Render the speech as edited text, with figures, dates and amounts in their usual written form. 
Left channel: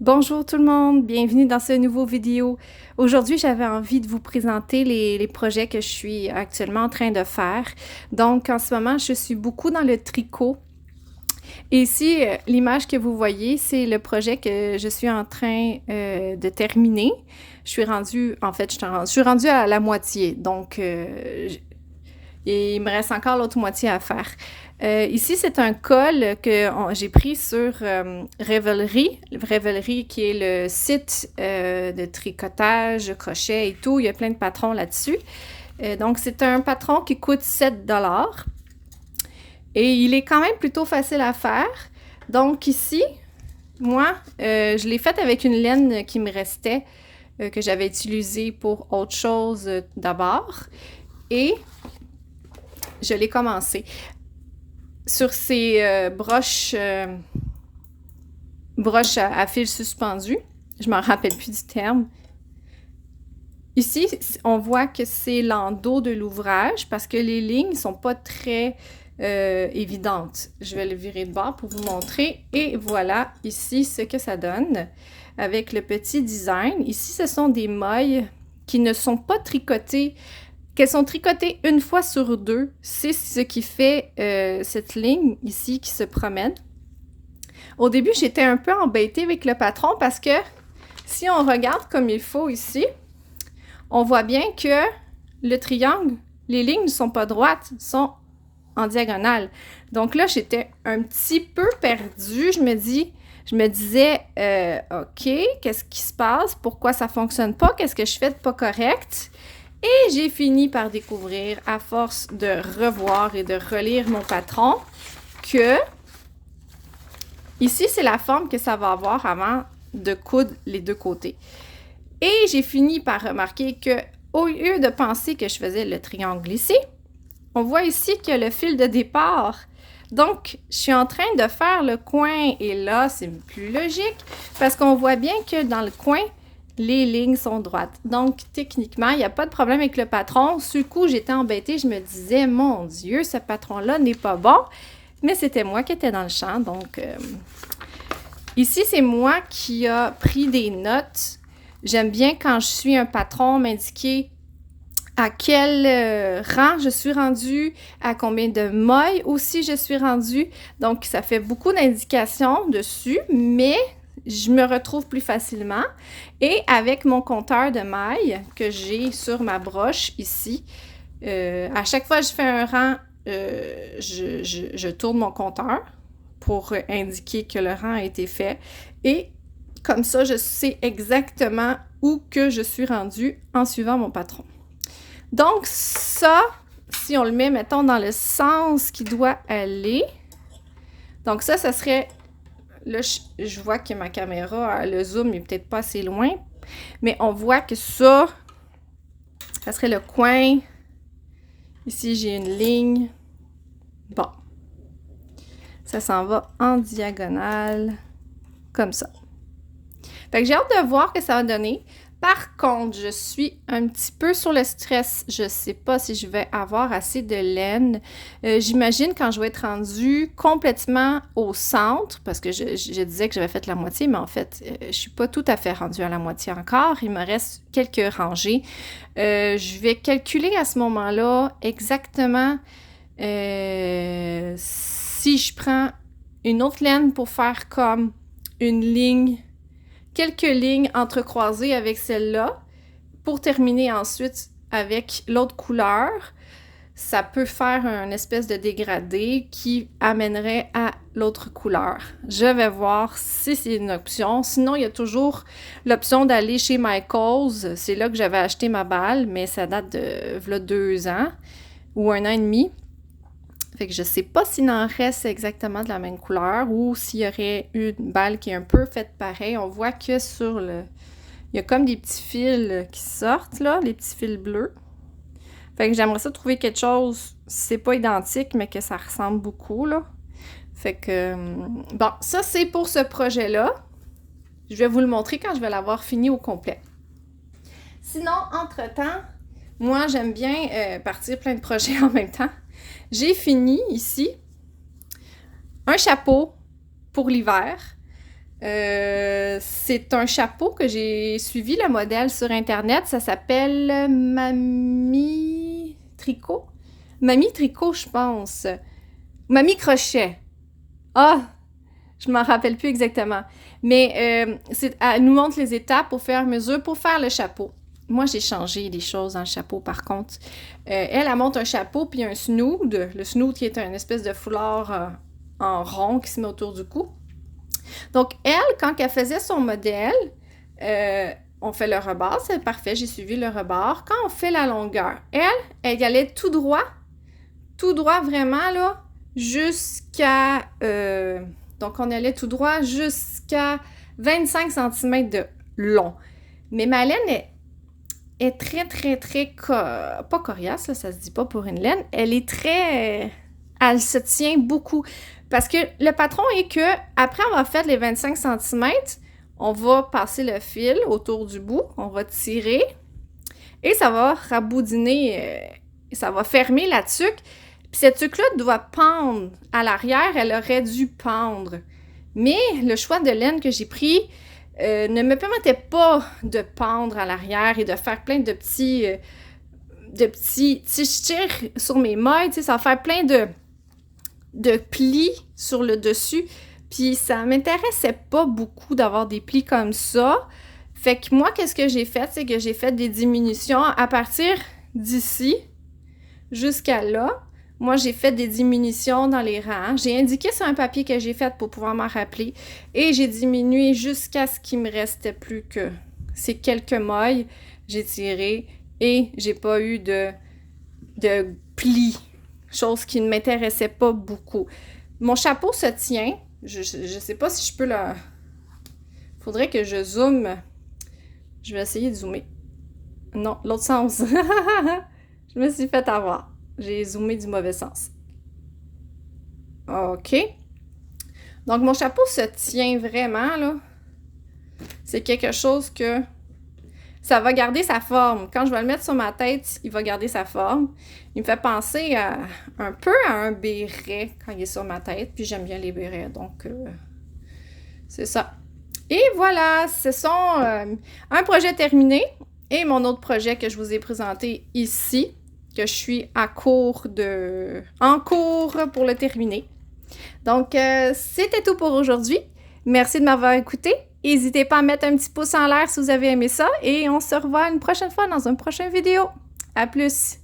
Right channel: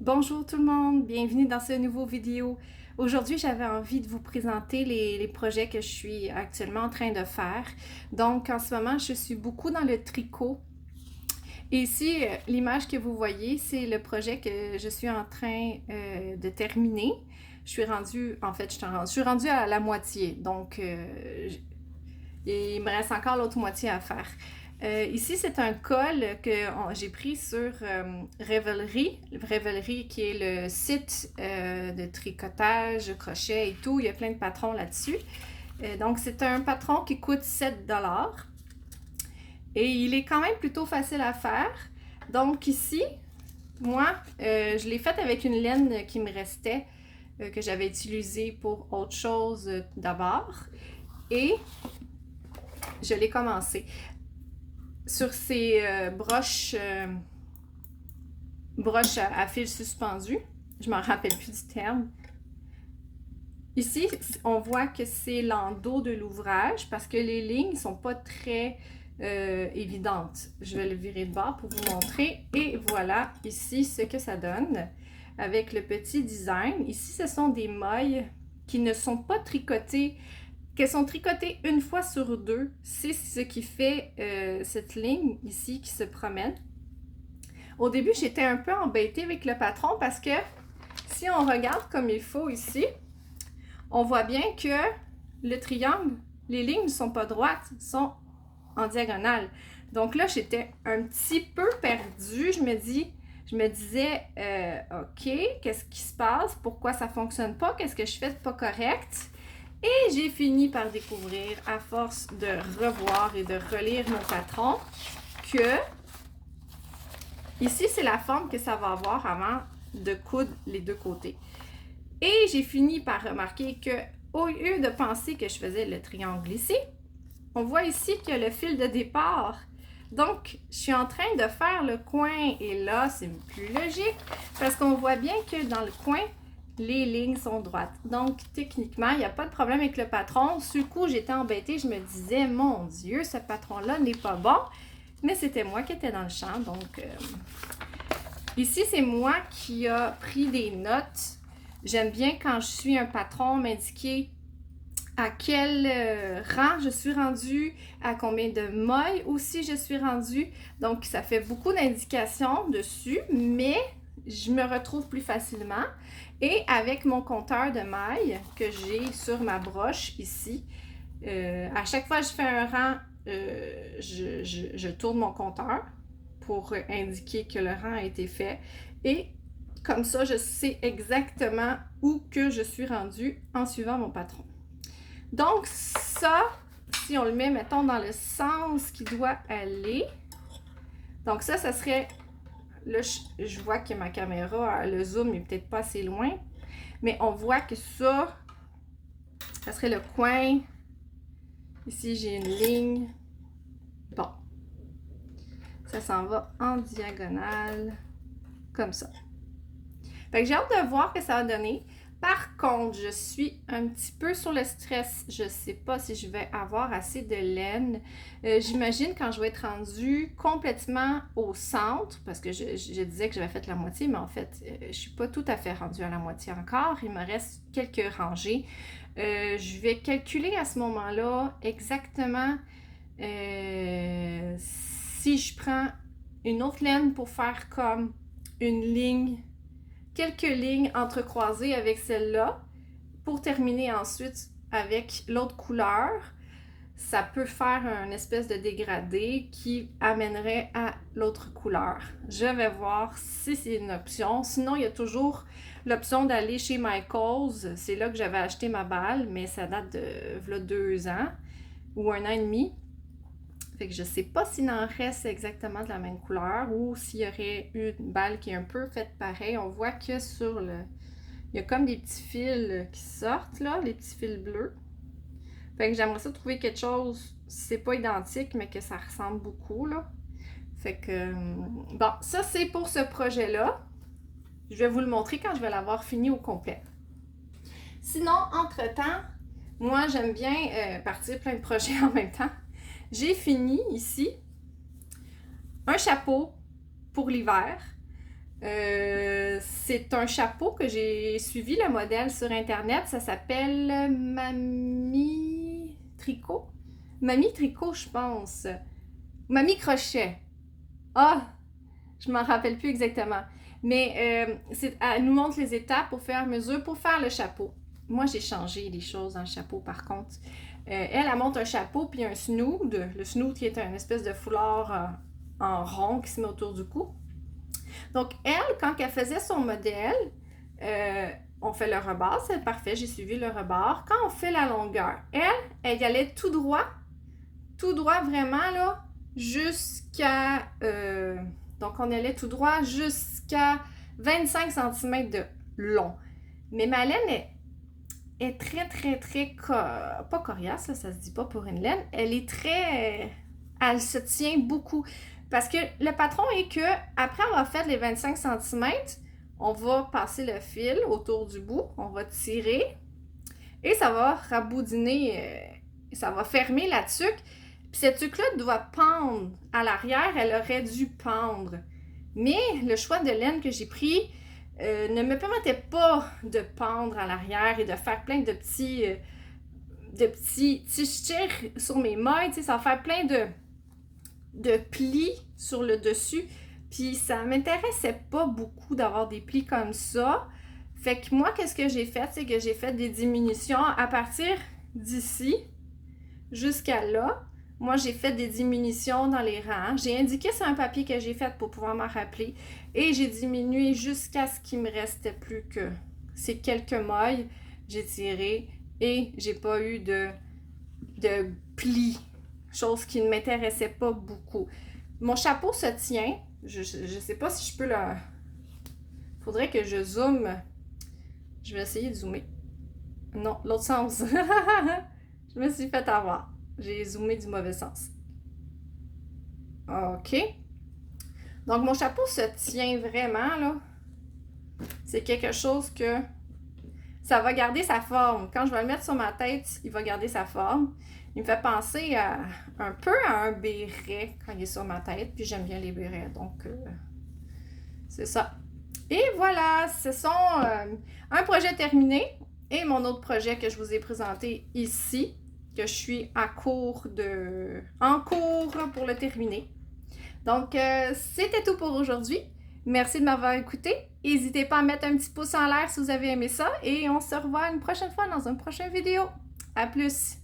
Bonjour tout le monde, bienvenue dans ce nouveau vidéo. Aujourd'hui, j'avais envie de vous présenter les projets que je suis actuellement en train de faire. Donc, en ce moment, je suis beaucoup dans le tricot. Et ici, l'image que vous voyez, c'est le projet que je suis en train de terminer. Je suis rendue, en fait, je suis rendue à la moitié. Donc, et il me reste encore l'autre moitié à faire. Ici, c'est un col que j'ai pris sur Ravelry. Ravelry qui est le site de tricotage, crochet et tout. Il y a plein de patrons là-dessus. Donc, c'est un patron qui coûte 7$. Et il est quand même plutôt facile à faire. Donc ici, moi, je l'ai fait avec une laine qui me restait, que j'avais utilisée pour autre chose d'abord. Et je l'ai commencé. Sur ces broches à fil suspendu. Je m'en rappelle plus du terme. Ici, on voit que c'est l'endos de l'ouvrage parce que les lignes ne sont pas très évidentes. Je vais le virer de bord pour vous montrer. Et voilà ici ce que ça donne avec le petit design. Ici, ce sont des mailles qui ne sont pas tricotées, qu'elles sont tricotées une fois sur deux. C'est ce qui fait cette ligne ici qui se promène. Au début, j'étais un peu embêtée avec le patron parce que si on regarde comme il faut ici, on voit bien que le triangle, les lignes ne sont pas droites, sont en diagonale. Donc là, j'étais un petit peu perdue. Je me disais, OK, qu'est-ce qui se passe? Pourquoi ça ne fonctionne pas? Qu'est-ce que je fais de pas correct? Et j'ai fini par découvrir, à force de revoir et de relire mon patron, que ici, c'est la forme que ça va avoir avant de coudre les deux côtés. Et j'ai fini par remarquer que, au lieu de penser que je faisais le triangle ici, on voit ici qu'il y a le fil de départ. Donc, je suis en train de faire le coin et là, c'est plus logique parce qu'on voit bien que dans le coin, les lignes sont droites. Donc, techniquement, il n'y a pas de problème avec le patron. Sur le coup, j'étais embêtée. Je me disais, mon Dieu, ce patron-là n'est pas bon. Mais c'était moi qui étais dans le champ. Donc, ici, c'est moi qui a pris des notes. J'aime bien quand je suis un patron m'indiquer à quel rang je suis rendue, à combien de mailles aussi je suis rendue. Donc, ça fait beaucoup d'indications dessus, mais je me retrouve plus facilement. Et avec mon compteur de mailles que j'ai sur ma broche ici, à chaque fois que je fais un rang, je tourne mon compteur pour indiquer que le rang a été fait. Et comme ça, je sais exactement où que je suis rendue en suivant mon patron. Donc ça, si on le met, mettons, dans le sens qui doit aller, donc ça serait, là, je vois que ma caméra, le zoom n'est peut-être pas assez loin, mais on voit que ça serait le coin. Ici, j'ai une ligne. Bon. Ça s'en va en diagonale, comme ça. Fait que j'ai hâte de voir ce que ça va donner. Par contre, je suis un petit peu sur le stress. Je ne sais pas si je vais avoir assez de laine. J'imagine quand je vais être rendue complètement au centre, parce que je disais que j'avais fait la moitié, mais en fait, je ne suis pas tout à fait rendue à la moitié encore. Il me reste quelques rangées. Je vais calculer à ce moment-là exactement si je prends une autre laine pour faire comme une ligne, quelques lignes entrecroisées avec celle-là, pour terminer ensuite avec l'autre couleur. Ça peut faire un espèce de dégradé qui amènerait à l'autre couleur. Je vais voir si c'est une option. Sinon, il y a toujours l'option d'aller chez Michaels. C'est là que j'avais acheté ma balle, mais ça date de 2 ans ou 1 an et demi. Fait que je sais pas s'il en reste exactement de la même couleur ou s'il y aurait une balle qui est un peu faite pareil. On voit que sur le... Il y a comme des petits fils qui sortent, là, les petits fils bleus. Fait que j'aimerais ça trouver quelque chose, c'est pas identique, mais que ça ressemble beaucoup, là. Fait que... Bon, ça, c'est pour ce projet-là. Je vais vous le montrer quand je vais l'avoir fini au complet. Sinon, entre-temps, moi, j'aime bien partir plein de projets en même temps. J'ai fini ici un chapeau pour l'hiver. c'est un chapeau que j'ai suivi le modèle sur Internet. Ça s'appelle Mamie Tricot. Mamie Tricot, je pense. Mamie Crochet. Ah, je m'en rappelle plus exactement. Mais elle nous montre les étapes au fur et à mesure pour faire le chapeau. Moi, j'ai changé des choses dans le chapeau, par contre. Elle monte un chapeau puis un snood. Le snood qui est une espèce de foulard en rond qui se met autour du cou. Donc, elle, quand elle faisait son modèle, on fait le rebord, c'est parfait, j'ai suivi le rebord. Quand on fait la longueur, elle allait tout droit vraiment, là, jusqu'à... donc, on allait tout droit jusqu'à 25 cm de long. Mais ma laine est très, pas coriace, là, ça se dit pas pour une laine. Elle est très... elle se tient beaucoup. Parce que le patron est que, après avoir fait les 25 cm, on va passer le fil autour du bout, on va tirer, et ça va raboudiner, ça va fermer la tuque. Puis cette tuque-là doit pendre à l'arrière, elle aurait dû pendre. Mais le choix de laine que j'ai pris ne me permettait pas de pendre à l'arrière et de faire plein de petits... si je tire sur mes mailles, ça va faire plein de plis sur le dessus. Puis ça m'intéressait pas beaucoup d'avoir des plis comme ça. Fait que moi, qu'est-ce que j'ai fait? C'est que j'ai fait des diminutions à partir d'ici jusqu'à là. Moi, j'ai fait des diminutions dans les rangs. J'ai indiqué sur un papier que j'ai fait pour pouvoir m'en rappeler. Et j'ai diminué jusqu'à ce qu'il me restait plus que ces quelques mailles. J'ai tiré et j'ai pas eu de plis. Chose qui ne m'intéressait pas beaucoup. Mon chapeau se tient. Je sais pas si je peux le... Faudrait que je zoome. Je vais essayer de zoomer. Non, l'autre sens. Je me suis fait avoir. J'ai zoomé du mauvais sens. OK. Donc, mon chapeau se tient vraiment, là. C'est quelque chose que... ça va garder sa forme. Quand je vais le mettre sur ma tête, il va garder sa forme. Il me fait penser un peu à un béret quand il est sur ma tête. Puis j'aime bien les bérets, donc c'est ça. Et voilà, ce sont un projet terminé et mon autre projet que je vous ai présenté ici, que je suis en cours pour le terminer. Donc, c'était tout pour aujourd'hui. Merci de m'avoir écouté. N'hésitez pas à mettre un petit pouce en l'air si vous avez aimé ça et on se revoit une prochaine fois dans une prochaine vidéo. À plus!